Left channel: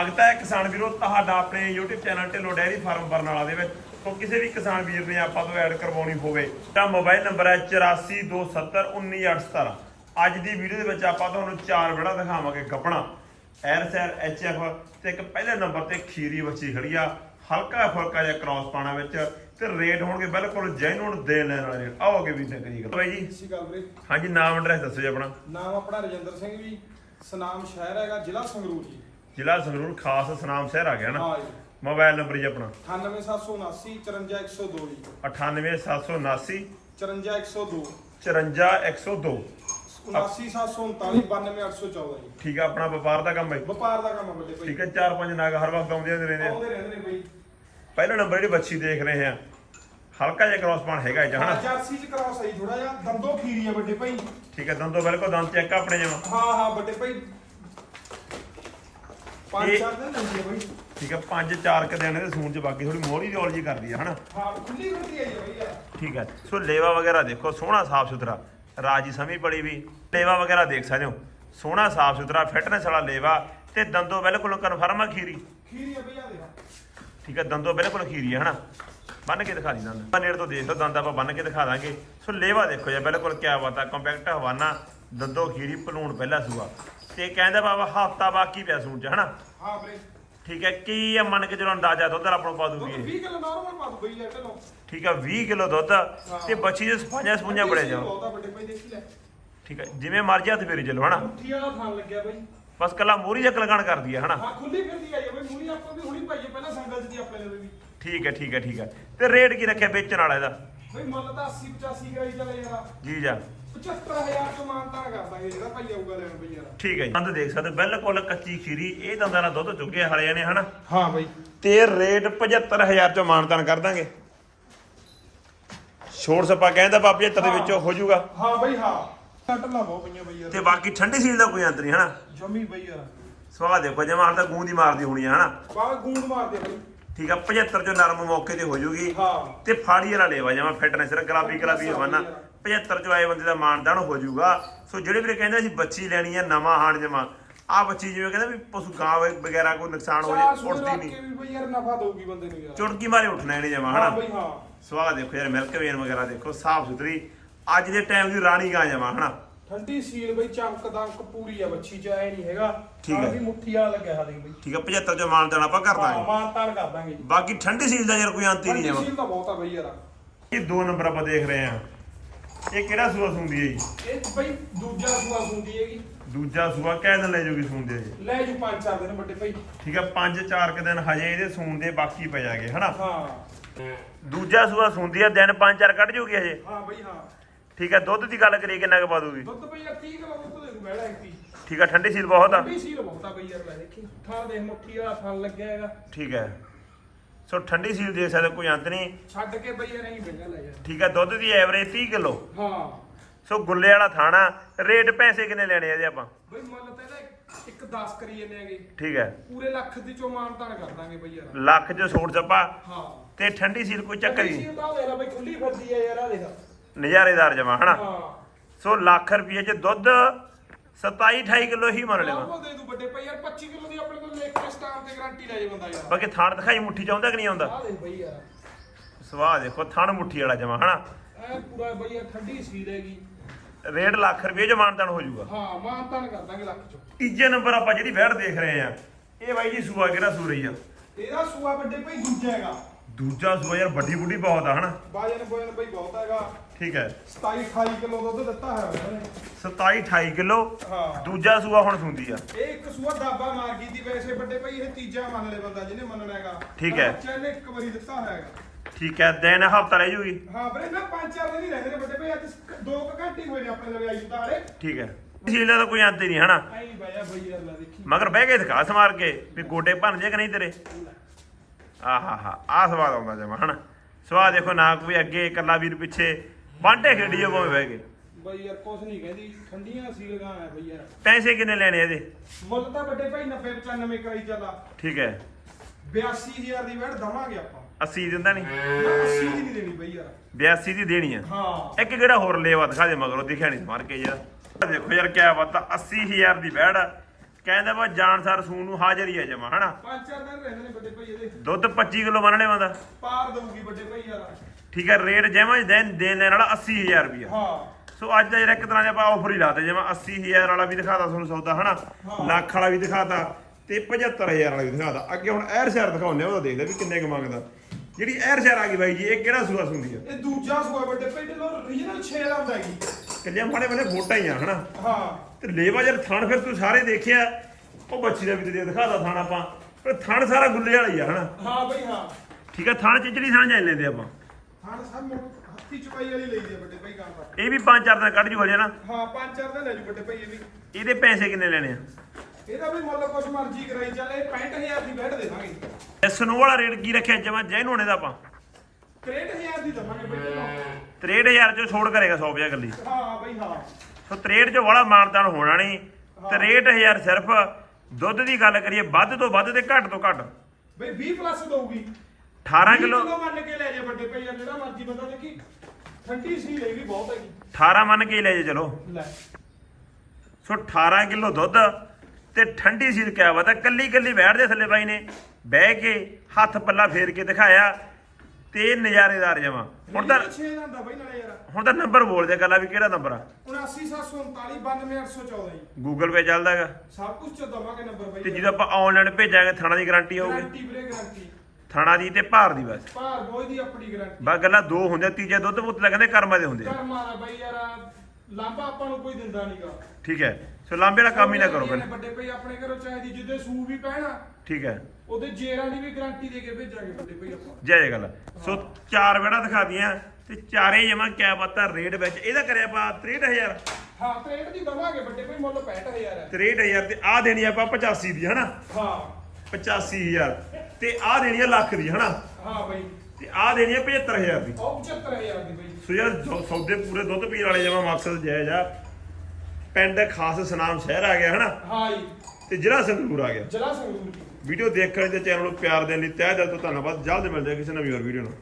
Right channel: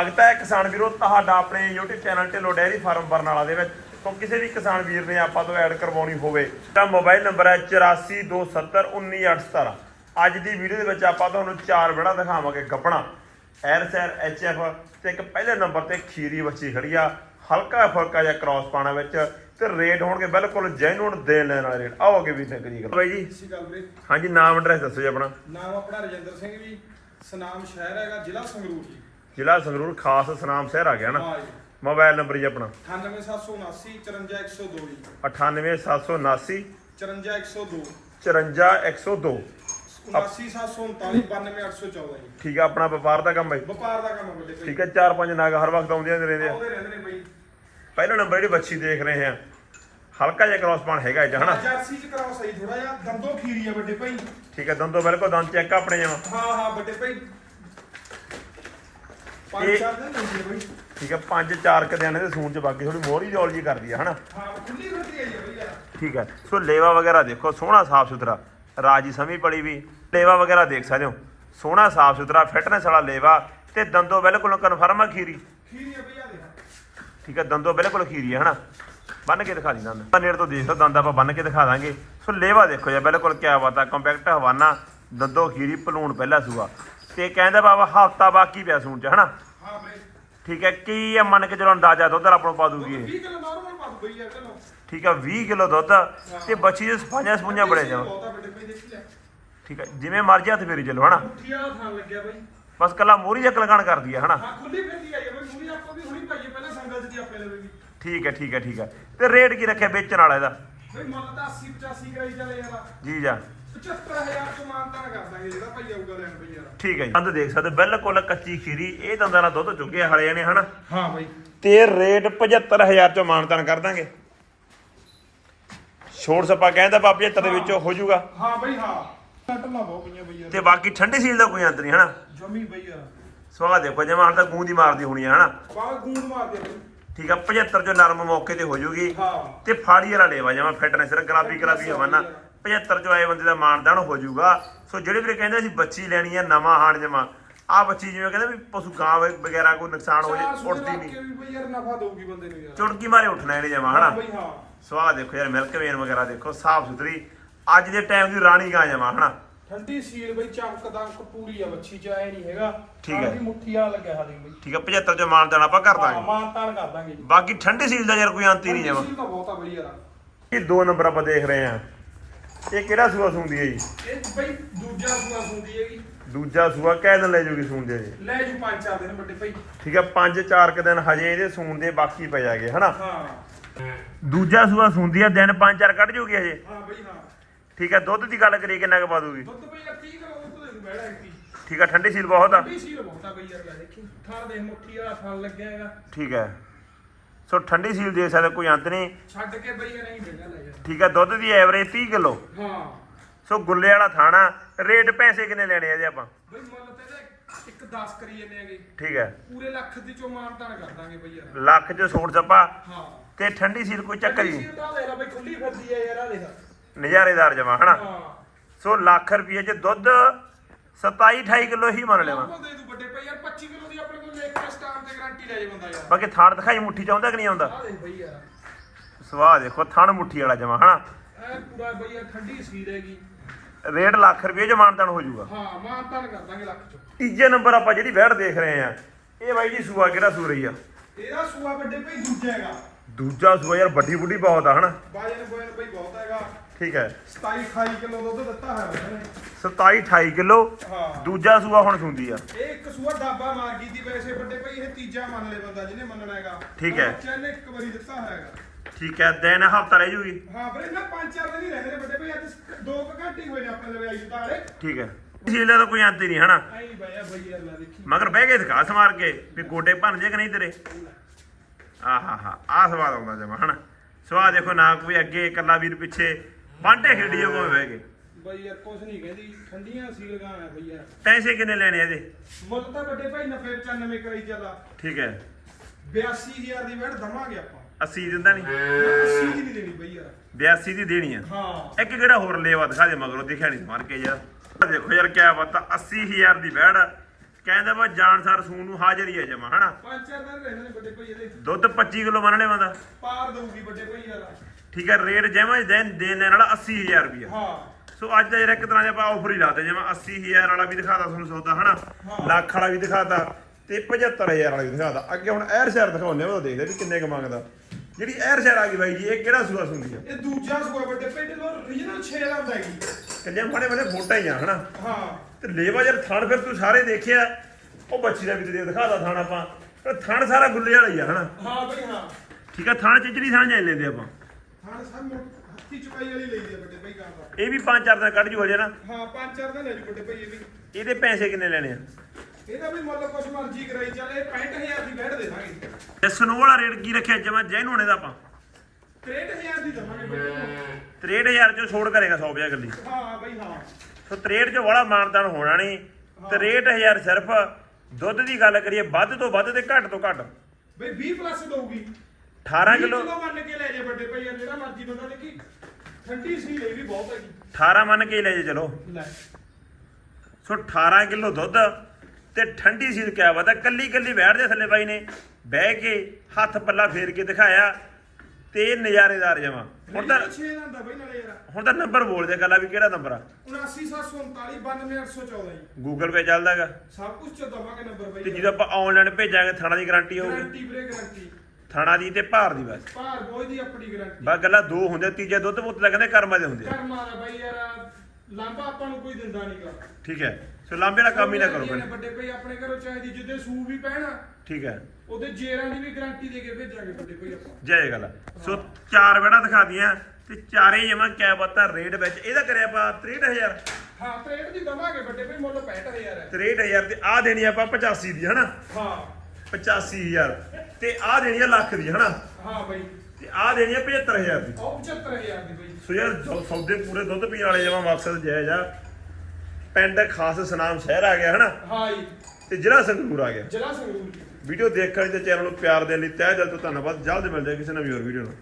ਸਵਾਗਤ ਹੈ ਕਿਸਾਨ ਵੀਰੋ ਤੁਹਾਡਾ ਆਪਣੇ YouTube channel Dhillon dairy farm Barnala ਦੇ ਵਿੱਚ। ਤੋਂ ਕਿਸੇ ਵੀ ਕਿਸਾਨ ਵੀਰ ਨੇ ਆਪਾਂ ਤੋਂ ਐਡ ਕਰਵਾਉਣੀ ਹੋਵੇ ਤਾਂ ਮੋਬਾਈਲ ਨੰਬਰ ਹੈ 8427191817 ਅੱਜ ਦੀ ਵੀਡੀਓ ਦੇ ਵਿੱਚ ਆਪਾਂ ਤੁਹਾਨੂੰ ਚਾਰ ਬੜਾ ਦਿਖਾਵਾਂਗੇ ਗੱਪਣਾ। ਐਰਸਰ ਐਚਐਫ ਤੇ ਇੱਕ ਪਹਿਲੇ ਨੰਬਰ ਤੇ ਖੀਰੀ ਬੱਚੀ ਖੜੀ ਆ। ਹਲਕਾ ਫੁਲਕਾ ਜਿਹਾ ਕ੍ਰਾਸ ਪਾਣਾ ਵਿੱਚ ਤੇ ਰੇਟ ਹੋਣਗੇ ਬਿਲਕੁਲ ਜੈਨੂਨ ਦੇ ਲੈਣ ਵਾਲੇ ਰੇਟ ਆਓਗੇ ਵੀ ਫਿਰ ਕਰੀਏ ਗੱਲ ਬਾਈ ਜੀ। ਸਤਿ ਸ਼੍ਰੀ ਅਕਾਲ ਵੀਰੇ। ਹਾਂਜੀ ਨਾਮ ਐਡਰੈਸ ਦੱਸੋ ਜੀ ਆਪਣਾ। ਨਾਮ ਆਪਣਾ ਰਜਿੰਦਰ ਸਿੰਘ ਜੀ। ਸਨਾਮ ਸ਼ਹਿਰ ਹੈਗਾ ਜ਼ਿਲ੍ਹਾ ਸੰਗਰੂਰ ਜੀ। ਜ਼ਿਲ੍ਹਾ ਸੰਗਰੂਰ ਖਾਸ ਸਨਾਮ ਸ਼ਹਿਰ ਆ ਗਿਆ ਨਾ। ਹਾਂ ਜੀ। ਮੋਬਾਈਲ ਨੰਬਰ ਜੀ ਆਪਣਾ। 98779 54102 ਜੀ। 98779 54102 54102 79739 92814 ਜੀ। ਠੀਕ ਆ ਆਪਣਾ ਵਪਾਰ ਦਾ ਕੰਮ ਹੈ ਵਪਾਰ ਦਾ ਕੰਮ ਆ ਵੱਡੇ ਭਾਈ। ਠੀਕ ਹੈ ਚਾਰ ਪੰਜ ਨਾਗ ਹਰ ਵਕਤ ਆਉਂਦੇ ਰਹਿੰਦੇ ਆ। ਆਉਂਦੇ ਰਹਿੰਦੇ ਨੇ ਭਾਈ। ਪਹਿਲਾ ਨੰਬਰ ਜਿਹੜੀ ਬੱਚੀ ਦੇਖ ਰਹੇ ਆ ਹਲਕਾ ਜਿਹਾ ਕ੍ਰਾਸ ਪਾਣ ਹੈਗਾ ਇਹ 'ਚ ਹਨਾ ਜਰਸੀ ਚ ਕਰਾਓ ਸਹੀ ਥੋੜਾ ਜਿਹਾ। ਦੰਦੋ ਖੀਰੀ ਆ ਵੱਡੇ ਭਾਈ। ਠੀਕ ਹੈ ਦੰਦੋਂ ਬਿਲਕੁਲ ਦੰਦ ਚੈੱਕ ਆਪਣੇ ਜਮਾ ਹਾਂ ਹਾਂ ਵੱਡੇ ਭਾਈ। ਪੰਜ ਇਹ- ਚਾਰ ਦਿਨ ਹੁੰਦੀ ਹੈ ਭਾਈ ਠੀਕ ਹੈ ਪੰਜ ਚਾਰ ਕ ਦਿਨ ਦੇ ਸੂਣ ਚ ਬਾਕੀ ਥੋੜੀ ਮੋਹਰੀ ਜੋਲ ਜੀ ਕਰਦੀ ਹਨਾ? ਹਾਂ ਖੁੱਲੀ ਖੁੱਲੀ ਹੈ ਜੀ ਭਾਈ ਯਾਰ। ਠੀਕ ਹੈ ਸੋ ਲੇਵਾ ਵਗੈਰਾ ਦੇਖੋ ਸੋਹਣਾ ਸਾਫ਼ ਸੁਥਰਾ ਰਾਜੀ ਸਮੀ ਪੜੀ ਵੀ ਲੇਵਾ ਵਗੈਰਾ ਦੇਖ ਸਕਦੇ ਹੋ। ਸੋਹਣਾ ਸਾਫ਼ ਸੁਥਰਾ ਫਿਟਨੈਸ ਵਾਲਾ ਲੇਵਾ ਤੇ ਦੰਦੋਂ ਬਿਲਕੁਲ ਕਨਫਰਮ ਆ ਖੀਰੀ। ਖੀਰੀ ਆ ਭਈ ਆ ਦੇਖ। ਠੀਕ ਹੈ ਦੰਦੋਂ ਬਿਲਕੁਲ ਖੀਰੀ ਹੈ ਹਨਾ? ਬੰਨ ਕੇ ਦਿਖਾ ਦੀ ਦੰਦ। ਆਪਾਂ ਨੇੜ ਤੋਂ ਦੇਖ ਲਓ ਦੰਦ ਆਪਾਂ ਬੰਨ ਕੇ ਦਿਖਾ ਦਾਂਗੇ। ਸੋ ਲੇਵਾ ਦੇਖੋ ਜੀ ਬਿਲਕੁਲ ਕਿਆ ਬਾਤ ਆ ਕੰਪੈਕਟ ਹਵਾਨਾ ਦੰਦੋਂ ਖੀਰੀ ਪਲੂਣ ਪਹਿਲਾ ਸੂਆ। ਤੇ ਕਹਿੰਦਾ ਬਾਬਾ ਹਫਤਾ ਬਾਕੀ ਪਿਆ ਸੂਣ ਚ ਹਨਾ? ਹਾਂ ਵੀਰੇ ਠੀਕ ਹੈ ਕੀ ਆ ਮੰਨ ਕੇ ਚਲੋ ਅੰਦਾਜ਼ਾ ਦੁੱਧ ਨੂੰ ਪਾ ਦੂਗੀ ਇਹ? 20 ਕਿਲੋ ਨਾਰਮਲ ਪਾ ਦੋ ਭਾਈ ਯਾਰ ਕਿਲੋ। ਠੀਕ ਹੈ 20 ਕਿਲੋ ਦੁੱਧ ਤੇ ਬੱਚੀ ਦੇ ਸਫਾਈਆਂ ਸਪੂਈਆਂ ਬੜੇ ਜਾਓ ਆ ਲੈ। ਠੀਕ ਹੈ ਜਿਵੇਂ ਮਰਜ਼ੀ ਹੱਥ ਫੇਰੀ ਚੱਲੋ ਹਨਾ? ਮੁੱਠੀ ਵਾਲਾ ਥਾਂ ਲੱਗਿਆ ਬਾਈ। ਬਸ ਕੱਲਾ ਮੋਰੀ ਜੱਕ ਲਗਾਣ ਕਰਦੀ ਹੈ ਹਨਾ? ਹਾਂ ਖੁੱਲੀ ਫਿਰਦੀ ਆਈ ਬਾਈ ਮੂਲੀ ਆਪਾਂ ਵੀ ਹੁਣੀ ਪਾਈਏ ਪਹਿਲਾਂ ਸੰਗਲ ਚ ਦੀ ਆਪਣੇ ਲਈ ਵੀ। ਠੀਕ ਹੈ ਠੀਕ ਹੈ ਠੀਕ ਹੈ। ਤੇ ਰੇਟ ਕੀ ਰੱਖਿਆ ਵੇਚਣ ਵਾਲਾ ਇਹਦਾ ਬਈ ਮੁੱਲ ਤਾਂ 80 85 ਕਰਾਈ ਚੱਲੇ ਯਾਰ। ਜੀ ਜਾ। 75000 ਤੋਂ ਮਾਨਤਾ ਕਰ ਦਾਂਗੇ ਜਿਹੜਾ ਭਾਈ ਆਊਗਾ ਲੈਣ ਬਈ ਯਾਰ। ਠੀਕ ਹੈ ਜੀ। ਦੰਦ ਦੇਖ ਸਕਦੇ ਬਿਲਕੁਲ ਕੱਚੀ ਖੀਰੀ ਇਹ ਦੰਦਾਂ ਨਾਲ ਦੁੱਧ ਚੁੱਕੇ ਹਲੇ ਨੇ ਹਨਾ? ਹਾਂ ਬਾਈ। ਤੇ ਰੇਟ 75000 ਚੋਂ ਮਾਨਤਾਨ ਕਰ ਦਾਂਗੇ। ਛੋੜ ਸਪਾ ਕਹਿੰਦਾ ਬਾਬੇ 75 ਦੇ ਵਿੱਚੋਂ ਹੋ। ਜਾਊਗਾ। ਹਾਂ ਬਾਈ ਹਾਂ। ਟੱਟਲਾਂ ਬਹੁਤ ਪਈਆਂ ਬਈ ਯਾਰ। ਤੇ ਬਾਕੀ ਠੰਡੀ ਸੀਲ ਦਾ ਕੋਈ ਅੰਤ ਨਹੀਂ ਹਨਾ? ਜਮੀ ਬਈ ਯਾਰ। ਸਵਾਹ ਦੇਖੋ ਤਾਂ ਗੂੰਦੀ ਮਾਰਦੀ ਹੋਣੀ ਆ ਹਨਾ? ਬਾਹਰ ਗੂੰਦ ਮਾਰਦੇ ਬਾਈ। ਠੀਕ ਆ 75 ਚੋਂ ਨਰਮ ਮੌਕੇ ਤੇ ਹੋ ਜਾਊਗੀ। ਹਾਂ। ਤੇ ਫਾੜੀ ਵਾਲਾ ਲੇਵਾ ਜਮਾ ਫਿਟਨੈਸ ਗੁਲਾਬੀ ਗੁਲਾਬੀ ਹਵਾਨਾ 75 ਚੋਂ ਆਏ ਬੰਦੇ ਦਾ ਮਾਨਦਾਨ ਹੋ ਜਾਊਗਾ। ਸੋ ਜਿਹੜੇ ਵੀਰੇ ਕਹਿੰਦੇ ਅਸੀਂ ਬੱਚੀ ਲੈਣੀ ਆ ਨਵਾਂ ਹਾਣ ਜਮਾ। ਆ ਬੱਚੀ ਜਿਵੇਂ ਕਹਿੰਦੇ ਵੀ ਪਸ਼ੂ ਗਾਂ ਵਗੈਰਾ ਕੋਈ ਨੁਕਸਾਨ ਹੋ ਜੇ ਸੂਏ ਉੱਠਦੀ ਨਹੀਂ। ਕੇ ਵੀ ਬਈ ਯਾਰ ਨਫਾ ਦਊਗੀ ਬੰਦੇ ਨੂੰ ਯਾਰ। ਚੁਟਕੀ ਮਾਰੇ ਉੱਠਣਾ ਇਹਨੇ ਜਮਾ ਹਾਂ ਹਨਾ ਬਈ ਹਾਂ। ਸਵਾਹ ਦੇਖੋ ਯਾਰ ਮਿਲਕ ਵੇਨ ਵਗੈਰਾ ਦੇਖੋ ਸਾਫ਼ ਸੁਥਰੀ। ਅੱਜ ਦੇ ਟਾਈਮ ਦੀ ਰਾਣੀ ਗਾਂ ਜਮਾ ਹਨਾ? ਠੰਡੀ ਸੀਲ ਬਈ ਚਮਕ ਦਮਕ ਪੂਰੀ ਆ ਬੱਚੀ ਚ ਐ ਨਹੀਂ ਹੈਗਾ। ਠੀਕ ਹੈ। ਵੀ ਮੁੱਠੀ ਵਾਲਾ ਲੱਗਿਆ ਹਾਲੇ ਬਈ। ਠੀਕ ਆ 75 ਚੋਂ ਮਾਨਦਾਨ ਆਪਾਂ ਕਰ ਹਾਂ ਦਾਂਗੇ ਮਾਨ ਤਾਨ ਕਰ ਦਾਂਗੇ ਜੀ। ਬਾਕੀ ਠੰਡੀ ਸੀਲ ਦਾ ਯਾਰ ਕੋਈ ਅੰਤ ਹੀ ਨਹੀਂ ਜਮਾ। ਸੀਲ ਤਾਂ ਬਹੁਤ ਆ ਬਈ ਯਾਰ। ਇਹ ਦੋ ਨੰਬਰ ਆਪਾਂ ਦੇਖ ਰਹੇ ਆ ਇਹ ਕਿਹੜਾ ਸੂਆ ਸੁੰਦੀ ਹੈ ਜੀ? ਇਹ ਬਈ ਦੂਜਾ ਸੂਆ ਸੁੰਦੀ ਹੈਗੀ ਦੂਜਾ ਸੂਆ ਕਹਿ ਦਿਨ ਲੈ ਜੂਗੀ ਸੁੰਦੇ ਜੀ। ਲੈ ਜੂ ਪੰਜ ਚਾਰ ਦਿਨ ਵੱਡੇ ਭਾਈ। ਠੀਕ ਆ ਪੰਜ ਚਾਰ ਕੁ ਦਿਨ ਹਜੇ ਇਹਦੇ ਸੂਣ ਦੇ ਬਾਕੀ ਪੈ ਜਾਗੇ ਹਨਾ? ਹਾਂ। ਦੂਜਾ ਸੂਆ ਸੁੰਦੀ ਆ ਦਿਨ ਪੰਜ ਚਾਰ ਕੱਢ ਜੂਗੀ ਹਜੇ? ਹਾਂ ਬਈ ਹਾਂ। ਠੀਕ ਆ ਦੁੱਧ ਦੀ ਗੱਲ ਕਰੀਏ ਕਿੰਨਾ ਕੁ ਪਾ ਦੂਗੀ? ਦੁੱਧ ਯਾਰ 30 ਕਿਲੋ ਦੁੱਧ ਦੇ ਦੂ ਬੈੜਾ ਇੱਕੀ ਠੀਕ ਆ ਠੰਡੀ ਸੀਲ ਬਹੁਤ ਆ। ਠੰਡੀ ਸੀਲ ਬਹੁਤ ਆ ਬਈ ਯਾਰ ਲੈ ਦੇਖੀ। ਥਾਂ ਦੇਖ ਮੁੱਠੀ ਵਾਲਾ ਥਾਂ ਲੱਗਿਆ ਹੈਗਾ। ਠੀਕ ਹੈ। ਸੋ ਠੰਡੀ ਸੀਲ ਦੇ ਸਕਦੇ ਕੋਈ ਅੰਤ ਨਹੀਂ। ਛੱਡ ਕੇ ਬਈ ਯਾਰ ਨਹੀਂ ਬੇਗਾ ਲੈ ਯਾਰ ਠੀਕ ਆ ਦੁੱਧ ਦੀ ਐਵਰੇਜ 30 ਕਿਲੋ। ਹਾਂ। ਸੋ ਗੁੱਲੇ ਵਾਲਾ ਥਾਣਾ ਰੇਟ ਪੈਸੇ ਕਿੰਨੇ ਲੈਣੇ ਆ ਇਹਦੇ ਆਪਾਂ? ਬਈ ਮੁੱਲ ਤੇ ਇਹਦੇ ਇੱਕ 10 ਕਰੀ ਜੰਨੇ ਹੈਗੇ। ਠੀਕ ਹੈ ਪੂਰੇ ਲੱਖ ਦੀ ਚੋਂ ਮਾਨ ਤਾਨ ਕਰ ਦਾਂਗੇ ਬਈ ਯਾਰ। ਲੱਖ ਚ ਸੋੜ ਚੱਪਾ ਹਾਂ। ਤੇ ਠੰਡੀ ਸੀਲ ਕੋਈ ਚੱਕਰ ਹੀ ਨਹੀਂ ਸੀਲ ਤਾਂ ਦੇਖ ਲੈ ਬਈ ਖੁੱਲੀ ਫਿਰਦੀ ਹੈ ਯਾਰ ਆ ਦੇਖ ਨਜ਼ਾਰੇਦਾਰ ਜਮਾ ਹਨਾ? ਹਾਂ। ਸੋ ਲੱਖ ਰੁਪਏ ਚ ਦੁੱਧ 27 28 ਕਿਲੋ ਹੀ ਮੰਨ ਲੈਣਾ ਉਹ ਦੇ ਦੂ ਵੱਡੇ ਭਾਈ ਯਾਰ 25 ਕਿਲੋ ਦੀ ਆਪਣੇ ਕੋਲ ਲਿਖ ਕੇ ਸਟਾਮ ਤੇ ਗਾਰੰਟੀ ਲੈ ਜੇ ਬੰਦਾ ਯਾਰ। ਬਾਕੀ ਥਾਣ ਦਿਖਾਈ ਮੁੱਠੀ ਚਾਹੁੰਦਾ ਕਿ ਨਹੀਂ ਆਉਂਦਾ? ਆ ਦੇਖ ਬਈ ਯਾਰ। ਸਵਾਹ ਦੇਖੋ ਥਣ ਮੁੱਠੀ ਵਾਲਾ ਜਮਾ ਹਨਾ? ਐ ਪੂਰਾ ਬਈ ਯਾਰ ਠੰਡੀ ਸੀਲ ਹੈਗੀ। ਰੇਟ ਲੱਖ ਰੁਪਏ ਚ ਮਾਨਤਾਨ ਹੋ ਜਾਊਗਾ। ਹਾਂ ਮਾਨ ਤਾਨ ਕਰ ਦਾਂਗੇ ਲੱਖ ਚੋਂ। ਤੀਜੇ ਨੰਬਰ ਆਪਾਂ ਜਿਹੜੀ ਵੈੜ ਦੇਖ ਰਹੇ ਆ ਇਹ ਬਾਈ ਜੀ ਸੂਆ ਕਿਹੜਾ ਸੂ ਰਹੀ ਆ? ਇਹਦਾ ਸੂਆ ਵੱਡੇ ਭਾਈ ਦੂਜਾ ਹੈਗਾ। ਦੂਜਾ ਸੂਆ ਯਾਰ ਵੱਡੀ ਬੁੱਢੀ ਬਹੁਤ ਆ ਹਨਾ? ਬਾਜਨ ਬੋਇਨ ਬਈ ਬਹੁਤ ਹੈਗਾ। ਠੀਕ ਹੈ। 27 28 ਕਿਲੋ ਦੁੱਧ ਦਿੱਤਾ ਹੈ ਉਹਨਾਂ ਨੇ। 27 28 ਕਿਲੋ। ਹਾਂ। ਦੂਜਾ ਸੂਆ ਹੁਣ ਸੁੰਦੀ ਆ। ਇਹ ਇੱਕ ਸੂਆ ਡਾਬਾ ਮਾਰ ਗਈ ਦੀ ਵੈਸੇ ਵੱਡੇ ਭਾਈ ਇਹ ਤੀਜਾ ਮੰਨ ਲੈ ਬੰਦਾ ਜਿਹਨੇ ਮੰਨਣਾ ਹੈਗਾ। ਠੀਕ ਹੈ। ਬੱਚਿਆਂ ਨੇ ਇੱਕ ਵਾਰੀ ਦਿੱਤਾ ਹੈਗਾ। ਠੀਕ ਹੈ ਦਿਨ ਹਫਤਾ ਰਹਿ ਜੂਗੀ। ਹਾਂ ਵੀਰੇ ਨਾ ਪੰਜ ਚਾਰ ਦਿਨ ਹੀ ਰਹਿੰਦੇ ਨੇ ਵੱਡੇ ਭਾਈ ਅੱਜ ਦੋ ਕੁ ਘੰਟੇ ਹੀ ਹੋਏ ਨੇ ਆਪਣੇ ਲਵੇ ਆਈ ਤਾਰੇ ਠੀਕ ਹੈ। ਸੀਲਾ ਦਾ ਕੋਈ ਅੰਤ ਹੀ ਨਹੀਂ ਹਨਾ? ਐਂ ਬਾਇਆ ਬਈ ਯਾਰ ਲੈ ਦੇਖੀ। ਮਗਰ ਬਹਿ ਕੇ ਦਿਖਾ ਸਮਾਰ ਕੇ ਵੀ ਗੋਡੇ ਭੰਨ ਜੇ ਕਿ ਨਹੀਂ ਤੇਰੇ। ਆਹਾ ਹਾ ਆ ਸਵਾਦ ਆਉਂਦਾ ਜਮਾ ਹਨਾ? ਸਵਾਦ ਦੇਖੋ ਨਾ ਕੋਈ ਅੱਗੇ ਇਕੱਲਾ ਵੀਰ ਪਿੱਛੇ ਬਾਂਟੇ ਖੇਡੀ ਭਾਵੇਂ ਬਹਿ ਕੇ। ਬਈ ਯਾਰ ਕੁਛ ਨਹੀਂ ਕਹਿੰਦੀ। ਠੰਡੀਆਂ ਸੀਲ ਗਾਂ ਆ ਬਈ ਯਾਰ। ਪੈਸੇ ਕਿੰਨੇ ਲੈਣੇ ਇਹਦੇ? ਮੁੱਲ ਤਾਂ ਵੱਡੇ ਭਾਈ 90 95 ਕਰਾਈ ਚੱਲਾ ਠੀਕ ਹੈ। 82000 ਦੀ ਵੈਟ ਦਵਾਂਗੇ ਆਪਾਂ। 80 ਦਿੰਦਾ ਨਹੀਂ? ਨਾ 80 ਦੀ ਨਹੀਂ ਦੇਣੀ ਬਈ ਯਾਰ। 82 ਦੀ ਦੇਣੀ ਆ। ਹਾਂ। ਇੱਕ ਕਿਹੜਾ ਹੋਰ ਲੇਵਾ ਦਿਖਾ ਦੇ ਮਗਰੋਂ ਦਿਖਿਆ ਨਹੀਂ। ਮਾਰ ਕੇ ਯਾਰ। ਦੇਖੋ ਯਾਰ ਕਿਆ ਬਾਤ ਆ। 80000 ਦੀ ਬੈੜ ਕਹਿੰਦਾ ਵਾ ਜਾਨਸਰ ਸੂਨ ਨੂੰ ਹਾਜ਼ਰ ਹੀ ਆ ਜਮਾ ਹਨਾ? ਪੰਜ ਚਾਰ ਦਿਨ ਰਹਿੰਦੇ ਨੇ ਵੱਡੇ ਭਾਈ ਇਹਦੇ। ਦੁੱਧ 25 ਕਿਲੋ ਮੰਨ ਲੈਵਾਂ ਦਾ। ਪਾਰ ਦਊਗੀ ਵੱਡੇ ਭਾਈ ਯਾਰ ਠੀਕ ਹੈ ਰੇਟ ਜਮਾ ਦੇਣ ਦੇਣ ਲੈਣ ਵਾਲਾ 80000 ਰੁਪਇਆ ਹਾਂ। ਸੋ ਅੱਜ ਦਾ ਜਿਹੜਾ ਇੱਕ ਤਰ੍ਹਾਂ ਦੇ ਆਪਾਂ ਆਫਰ ਹੀ ਲਾਤੇ ਜਿਵੇਂ 80000 ਵਾਲਾ ਵੀ ਦਿਖਾਤਾ ਤੁਹਾਨੂੰ ਸੌਦਾ ਹਨਾ। ਲੱਖ ਵਾਲਾ ਵੀ ਦਿਖਾਤਾ ਤੇ 75000 ਵਾਲਾ ਵੀ ਦਿਖਾਤਾ। ਅੱਗੇ ਹੁਣ ਐਰ ਸ਼ਹਿਰ ਦਿਖਾਉਂਦੇ ਆ ਉਹ ਦੇਖਦੇ ਵੀ ਕਿੰਨੇ ਕੁ ਮੰਗਦਾ। ਜਿਹੜੀ ਐਰ ਸ਼ਹਿਰ ਆ ਗਈ ਬਾਈ ਜੀ ਇਹ ਕਿਹੜਾ ਸੂਆ ਸੁੰਦੀ ਆ? ਇਹ ਦੂਜਾ ਸੂਆ ਵੱਡੇ ਭਾਈ ਲੋ ਰੀਜਨਲ 6 ਦਾ ਹੈਗੀ। ਕਿੰਨੇ ਬੜੇ ਬੜੇ ਮੋਟਾ ਹੀ ਆ ਹਨਾ? ਹਾਂ। ਤੇ ਲੇਵਾ ਜਰ ਥਣ ਫਿਰ ਤੂੰ ਸਾਰੇ ਦੇਖਿਆ ਉਹ ਬੱਚੀ ਦਾ ਵੀ ਦੇ ਦਿਖਾਤਾ ਥਣ ਆਪਾਂ। ਪਰ ਥਣ ਸਾਰਾ ਗੁੱਲੇ ਵਾਲਾ ਹੀ ਆ ਹਨਾ? ਹਾਂ ਬਈ ਹਾਂ। ਠੀਕ ਆ ਥਣ ਚਿਚੜੀ ਥਣ ਜਾਈ ਲੈਂਦੇ ਆਪਾਂ। ਹਾਂ ਸਭ ਮੋ- ਹੱਥੀ ਚੁਕਾਈ ਵਾਲੀ ਲਈ ਦੀ ਆ ਵੱਡੇ ਭਾਈ ਗਾਂ ਦਾ ਇਹ ਵੀ ਪੰਜ ਚਾਰ ਦਿਨ ਕੱਢ ਜੂ ਹਜੇ ਨਾ। ਹਾਂ ਪੰਜ ਚਾਰ ਦਿਨ ਲੈ ਜੂ ਵੱਡੇ ਭਾਈ ਇਹ ਵੀ। ਇਹਦੇ ਪੈਸੇ ਕਿੰਨੇ ਲੈਣੇ ਆ? ਇਹਦਾ ਵੀ ਮੁੱਲ ਕੁਛ ਮਰਜ਼ੀ ਕਰਾਈ ਚੱਲ ਇਹ 65000 ਦੀ ਬੈਠ ਦੇ ਦਾਂਗੇ। ਤੇ ਸਨੋ ਵਾਲਾ ਰੇਟ ਕੀ ਰੱਖਿਆ ਜਮਾ ਜੈਨ ਹੋਣੇ ਦਾ ਆਪਾਂ 63000 ਦੀ ਦਵਾਂਗੇ। 63000 ਚੋਂ ਛੋੜ ਕਰੇਗਾ 100 ਰੁਪਇਆ ਗੱਲੀ ਹਾਂ ਬਈ ਹਾਂ। ਸੋ 63 ਚੋਂ ਵਾਲਾ ਮਾਨਦਾਨ ਹੋਣਾ ਨਹੀਂ। 63000 ਸਿਰਫ ਦੁੱਧ ਦੀ ਗੱਲ ਕਰੀਏ ਵੱਧ ਤੋਂ ਵੱਧ ਤੇ ਘੱਟ ਤੋਂ ਘੱਟ। ਬਈ 20 ਪਲੱਸ ਦਊਗੀ। 18 ਵੀਹ ਕਿਲੋ ਮੰਨ ਕੇ ਲੈ ਜਾ ਵੱਡੇ ਭਾਈ ਯਾਰ ਜਿਹੜਾ ਮਰਜ਼ੀ ਬੰਦਾ ਦੇਖੀ। ਠੰਡੀ ਸੀ ਲਈ ਵੀ ਬਹੁਤ ਹੈਗੀ। 18 ਮੰਨ ਕੇ ਲੈ ਜੇ ਚਲੋ। ਲੈ। ਸੋ 18 ਕਿਲੋ ਦੁੱਧ ਤੇ ਠੰਡੀ ਸੀਲ ਕਿਆ ਪਤਾ ਕੱਲੀ ਕੱਲੀ ਬੈਠ ਦੇ ਥੱਲੇ ਬਾਈ ਨੇ। ਬਹਿ ਕੇ ਹੱਥ ਪੱਲਾ ਫੇਰ ਕੇ ਦਿਖਾਇਆ। ਤੇ ਨਜ਼ਾਰੇਦਾਰ ਜਮਾ। ਹੁਣ ਤਾਂ 6 ਦਾ ਹੁੰਦਾ ਬਈ ਨਾਲੇ ਯਾਰ। ਹੁਣ ਤਾਂ ਨੰਬਰ ਬੋਲ ਦੇ ਗੱਲਾਂ ਵੀ ਕਿਹੜਾ ਨੰਬਰ ਆ? 79739 92814 ਜੀ ਗੂਗਲ ਪੇ ਚੱਲਦਾਗਾ। ਸਭ ਕੁਝ ਚ ਦਵਾਂਗੇ ਨੰਬਰ ਬਈ ਤੇ ਜਦੋਂ ਆਪਾਂ ਆਨਲਾਈਨ ਭੇਜਾਂਗੇ ਥਾਣਾ ਦੀ ਗਾਰੰਟੀ ਹੋਊਗੀ। ਗਾਰੰਟੀ ਵੀਰੇ ਗਾਰੰਟੀ ਥਾਣਾ ਦੀ ਤੇ ਭਾਰ ਦੀ ਬਸ। ਭਾਰ ਬੋਝ ਦੀ ਆਪਣੀ ਗਾਰੰਟੀ ਬਸ ਗੱਲਾਂ ਦੋ ਹੁੰਦੇ ਤੀਜੇ ਦੁੱਧ ਪੁੱਤ ਲੱਗਦੇ ਕਰਮਾਂ ਦੇ ਹੁੰਦੇ ਆ। ਕਰਮਾਂ ਦਾ ਬਈ ਯਾਰ ਲਾਂਬਾ ਆਪਾਂ ਨੂੰ ਕੋਈ ਦਿੰਦਾ ਨਹੀਂਗਾ ਠੀਕ ਹੈ। ਸੋ ਲਾਂਬੇ ਵਾਲਾ ਕੰਮ ਹੀ ਨਾ ਕਰੋ ਫਿਰ। ਵੱਡੇ ਭਾਈ ਆਪਣੇ ਘਰੋਂ ਚਾਹੇ ਦੀ ਜਿੱਦੇ ਸੂ ਵੀ ਪੈਣਾ ਠੀਕ ਹੈ। ਉਹਦੇ ਜੇਰਾਂ ਦੀ ਵੀ ਗਾਰੰਟੀ ਦੇ ਕੇ ਭੇਜਾਂਗੇ ਵੱਡੇ ਭਾਈ ਆਪਾਂ। ਜੈ ਗੱਲ ਸੋ ਚਾਰ ਵੇੜਾ ਦਿਖਾ ਦੀਆਂ ਤੇ ਚਾਰੇ ਜਮਾ ਕਿਆ ਪਤਾ ਰੇਟ ਵਿੱਚ। ਇਹਦਾ ਕਰਿਆ ਆਪਾਂ 63000 ਹਾਂ ਟ੍ਰੇਡ ਦੀ ਦਵਾਂਗੇ ਵੱਡੇ ਭਾਈ ਮੁੱਲ 65000 ਹੈ। 63000 ਤੇ ਆ ਦੇਣੀ ਆਪਾਂ 85 ਦੀ ਹਨਾ? ਹਾਂ। 85000 ਤੇ ਆ ਦੇਣੀ ਆ ਲੱਖ ਦੀ ਹਨਾ? ਹਾਂ ਬਈ ਤੇ ਆ ਦੇਣੀ ਆ 75000 ਦੀ। ਉਹ 75000 ਦੀ ਬਈ। ਸੋ ਯਾਰ ਜੋ ਸੌਦੇ ਪੂਰੇ ਦੁੱਧ ਪੀਣ ਵਾਲੇ ਜਮਾ ਮਕਸਦ ਜਾਇਜ਼ ਆ। ਪਿੰਡ ਖਾਸ ਸਨਾਮ ਸ਼ਹਿਰ ਆ ਗਿਆ ਹਨਾ? ਹਾਂ ਜੀ। ਤੇ ਜ਼ਿਲ੍ਹਾ ਸੰਗਰੂਰ ਆ ਗਿਆ। ਜ਼ਿਲ੍ਹਾ ਸੰਗਰੂਰ। ਵੀਡੀਓ ਦੇਖਣ ਤੇ ਚੈਨਲ ਨੂੰ ਪਿਆਰ ਦੇਣ ਲਈ ਤਹਿ ਦਿਲ ਤੋਂ ਧੰਨਵਾਦ। ਜਲਦ ਮਿਲਦੇ ਹਾਂ ਕਿਸੇ ਨਵੀਂ ਹੋਰ ਵੀਡੀਓ ਨਾਲ।